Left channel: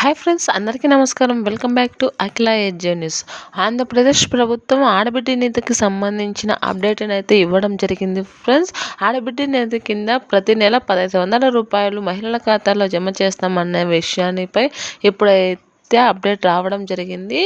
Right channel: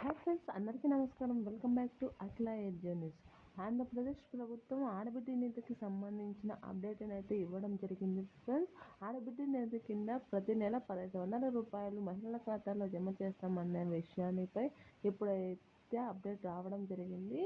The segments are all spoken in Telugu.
హాయ్ ఫ్రెండ్స్ అందరికీ నమస్కారం. వెల్కమ్ బ్యాక్ టు అఖిల ఎడ్జే న్యూస్. ఆంధ్రప్రదేశ్ ప్రభుత్వం ఆడబిడ్డ నేతకి సంబంధించిన అప్డేట్ని అయితే ఇవ్వడం జరిగింది ఫ్రెండ్స్. ఆడబిడ్డ నేత కింద ప్రతి నెల పదహైదు వందల రూపాయలు మహిళల ఖాతాలో జమ చేస్తామన్న విషయానిపై ఇప్పుడైతే అప్డేట్ రావడం జరిగింది.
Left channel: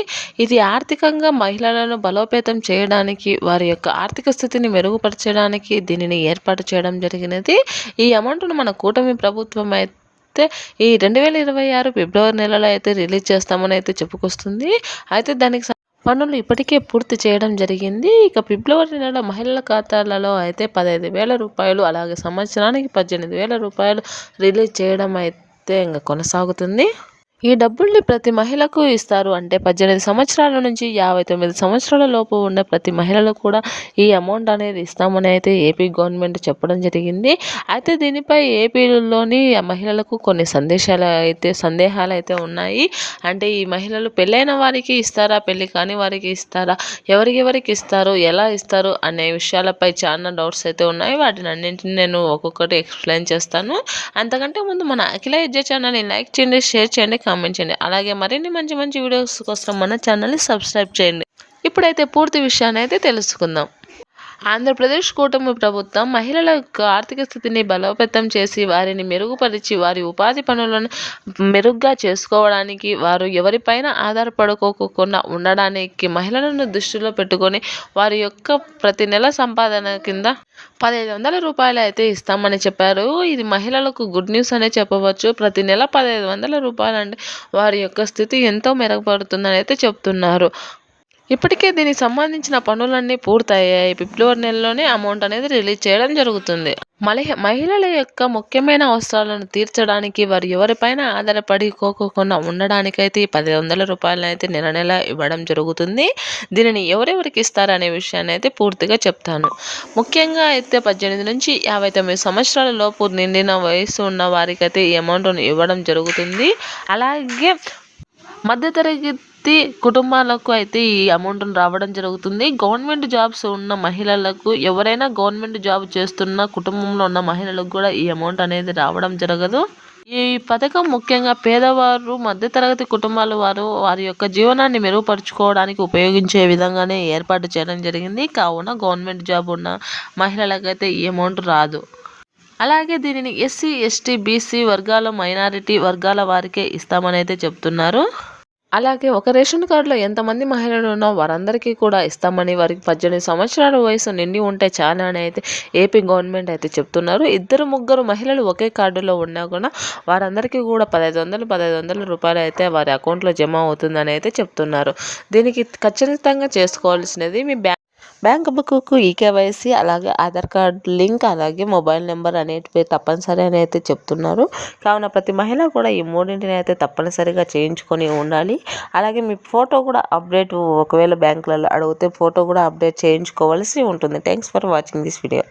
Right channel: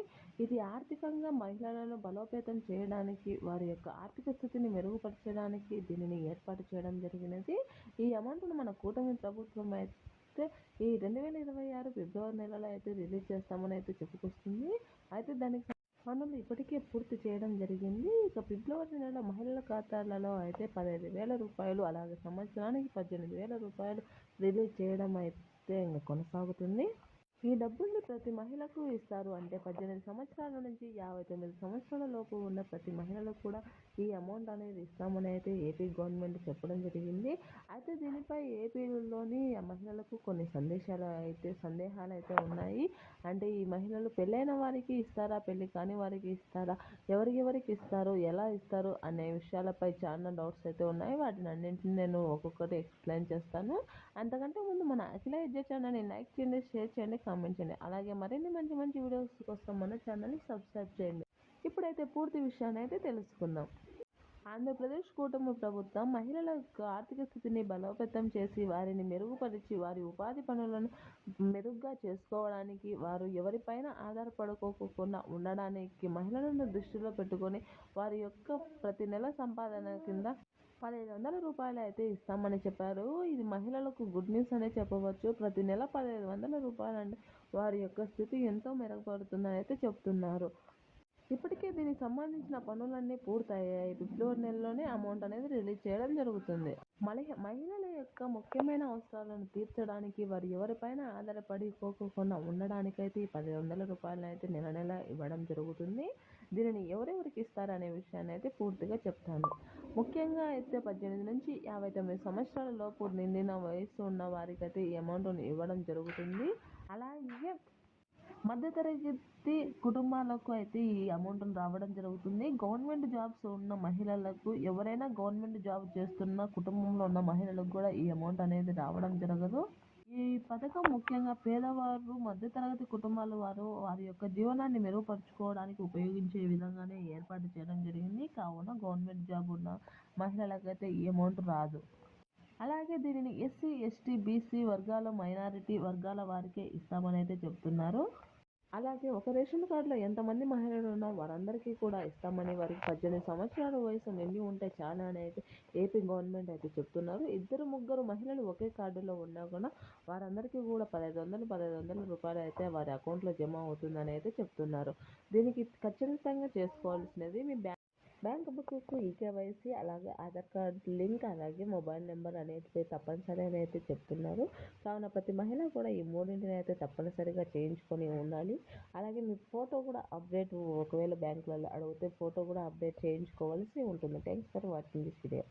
ఇది ఆర్థికంగా మహిళలను బలోపేతం చేయడానికి వారి యొక్క ఆర్థిక స్థితిని మెరుగుపరచడానికి దీనిని ఏర్పాటు చేయడం జరిగినది. ఈ అమౌంట్ను మన కూటమి ప్రభుత్వం అయితే అయితే ఈ రెండు వేల ఇరవై ఆరు ఫిబ్రవరి నెలలో అయితే రిలీజ్ చేస్తామని అయితే చెప్పుకొస్తుంది. అయితే దానికి పనులు ఇప్పటికే పూర్తి చేయడం జరిగింది. ఇక ఫిబ్రవరి నెల మహిళల ఖాతాలలో అయితే పదహైదు వేల రూపాయలు అలాగే సంవత్సరానికి పద్దెనిమిది వేల రూపాయలు రిలీజ్ చేయడం అయితే ఇంకా కొనసాగుతుంది. ఈ డబ్బుల్ని ప్రతి మహిళకు ఇస్తారు. అంటే పద్దెనిమిది సంవత్సరాల నుంచి యాభై తొమ్మిది సంవత్సరాల లోపు ఉన్న ప్రతి మహిళలు కూడా ఈ అమౌంట్ అనేది ఇస్తామని అయితే ఏపీ గవర్నమెంట్ చెప్పడం జరిగింది. అయితే దీనిపై ఏపీలోని మహిళలకు కొన్ని సందేశాలు అయితే సందేహాలు అయితే ఉన్నాయి. అంటే ఈ మహిళలు పెళ్ళైన వారికి ఇస్తారా పెళ్ళి కాని వారికి ఇస్తారా ఎవరికెవరికి ఇస్తారు ఎలా ఇస్తారు అనే విషయాలపై చాలా డౌట్స్ అయితే ఉన్నాయి. వాటిని అన్నింటిని నేను ఒక్కొక్కటి ఎక్స్ప్లెయిన్ చేస్తాను. అంతకంటే ముందు మన అఖిల విద్య ఛానల్ని లైక్ చేయండి షేర్ చేయండి కామెంట్ చేయండి అలాగే మరిన్ని మంచి మంచి వీడియోస్ కోసం మన ఛానల్ని సబ్స్క్రైబ్ చేయండి. ఇప్పుడైతే పూర్తి విషయాన్ని అయితే తెలుసుకుందాం. ఆంధ్రప్రదేశ్ కూటమి ప్రభుత్వం మహిళల యొక్క ఆర్థిక స్థితిని బలోపేతం చేసి వారిని మెరుగుపరిచి వారి ఉపాధి పనులను మెరుగ్గా చేసుకోవడానికి వారు ఎవరిపైన ఆధారపడుకోకుండా ఉండడానికి మహిళలను దృష్టిలో పెట్టుకొని వారి యొక్క ప్రతి నెల సంపాదన కింద పదిహేను వందల రూపాయలు అయితే ఇస్తామని చెప్పారు. ఇది మహిళలకు గుడ్ న్యూస్ అనే చెప్పవచ్చు. ప్రతి నెల పదిహేను వందల రూపాయలు అంటే వారి యొక్క స్థితి ఎంతో మెరుగుపడుతుందని అయితే చెప్తున్నారు. ఇప్పటికే దీనికి సంబంధించిన పనులన్నీ పూర్తయ్యాయి. ఫిబ్రవరి నెలలోనే అమౌంట్ అనేది రిలీజ్ చేయడం జరుగుతుంది. మలహ మహిళల యొక్క ముఖ్యమైన అవసరాలను తీర్చడానికి వారు ఎవరిపైన ఆధారపడి కోకోకుండా ఉండడానికైతే ఈ పది వందల రూపాయలను అయితే నెల నెల ఇవ్వడం జరుగుతుంది. దీనిని ఎవరెవరికి ఇస్తారనే విషయాన్ని అయితే పూర్తిగా చెప్తాను. ముఖ్యంగా అయితే పద్దెనిమిది నుంచి యాభై తొమ్మిది సంవత్సరాల లోపు నిండిన వయసు ఉన్న వారికైతే ఈ అమౌంట్ను ఇవ్వడం జరుగుతుంది. అలాగే మధ్యతరగతి కుటుంబాలకు అయితే ఈ అమౌంట్ రావడం జరుగుతుంది. గవర్నమెంట్ జాబ్స్ ఉన్న మహిళలకు ఎవరైనా గవర్నమెంట్ జాబ్ చేస్తున్న కుటుంబంలో ఉన్న మహిళలకు కూడా ఈ అమౌంట్ అనేది రావడం జరగదు. ఈ పథకం ముఖ్యంగా పేదవారు మధ్యతరగతి కుటుంబాల వారు వారి యొక్క జీవనాన్ని మెరుగుపరుచుకోవడానికి ఉపయోగించే విధంగానే ఏర్పాటు చేయడం జరిగింది. కావున గవర్నమెంట్ జాబ్ ఉన్న మహిళలకైతే ఈ అమౌంట్ రాదు. అలాగే దీనిని ఎస్సీ ఎస్టీ బీసీ వర్గాల మైనారిటీ వర్గాల వారికే ఇస్తామని అయితే చెప్తున్నారు. అలాగే ఒక రేషన్ కార్డులో ఎంతమంది మహిళలు ఉన్నా వారందరికీ కూడా ఇస్తామని వారికి పద్దెనిమిది సంవత్సరాల వయసు నిండి ఉంటే చాలా అని అయితే ఏపీ గవర్నమెంట్ అయితే చెప్తున్నారు. ఇద్దరు ముగ్గురు మహిళలు ఒకే కార్డులో ఉన్నా కూడా వారందరికీ కూడా పదహైదు వందలు పదహైదు వందల రూపాయలు అయితే వారి అకౌంట్లో జమ అవుతుందని అయితే చెప్తున్నారు. దీనికి ఖచ్చితంగా చేసుకోవాల్సినది మీ బ్యాంక్ బ్యాంక్ బుక్కు ఈకేవైసీ అలాగే ఆధార్ కార్డ్ లింక్ అలాగే మొబైల్ నెంబర్ అనేటివి తప్పనిసరి అని అయితే చెప్తున్నారు. కావున ప్రతి మహిళ కూడా ఈ మూడింటిని అయితే తప్పనిసరిగా చేయించుకొని ఉండాలి. అలాగే మీ ఫోటో కూడా అప్డేట్ ఒకవేళ బ్యాంకులలో అడిగితే ఫోటో కూడా అప్డేట్ చేయించుకోవాల్సి ఉంటుంది. Thanks for watching this video.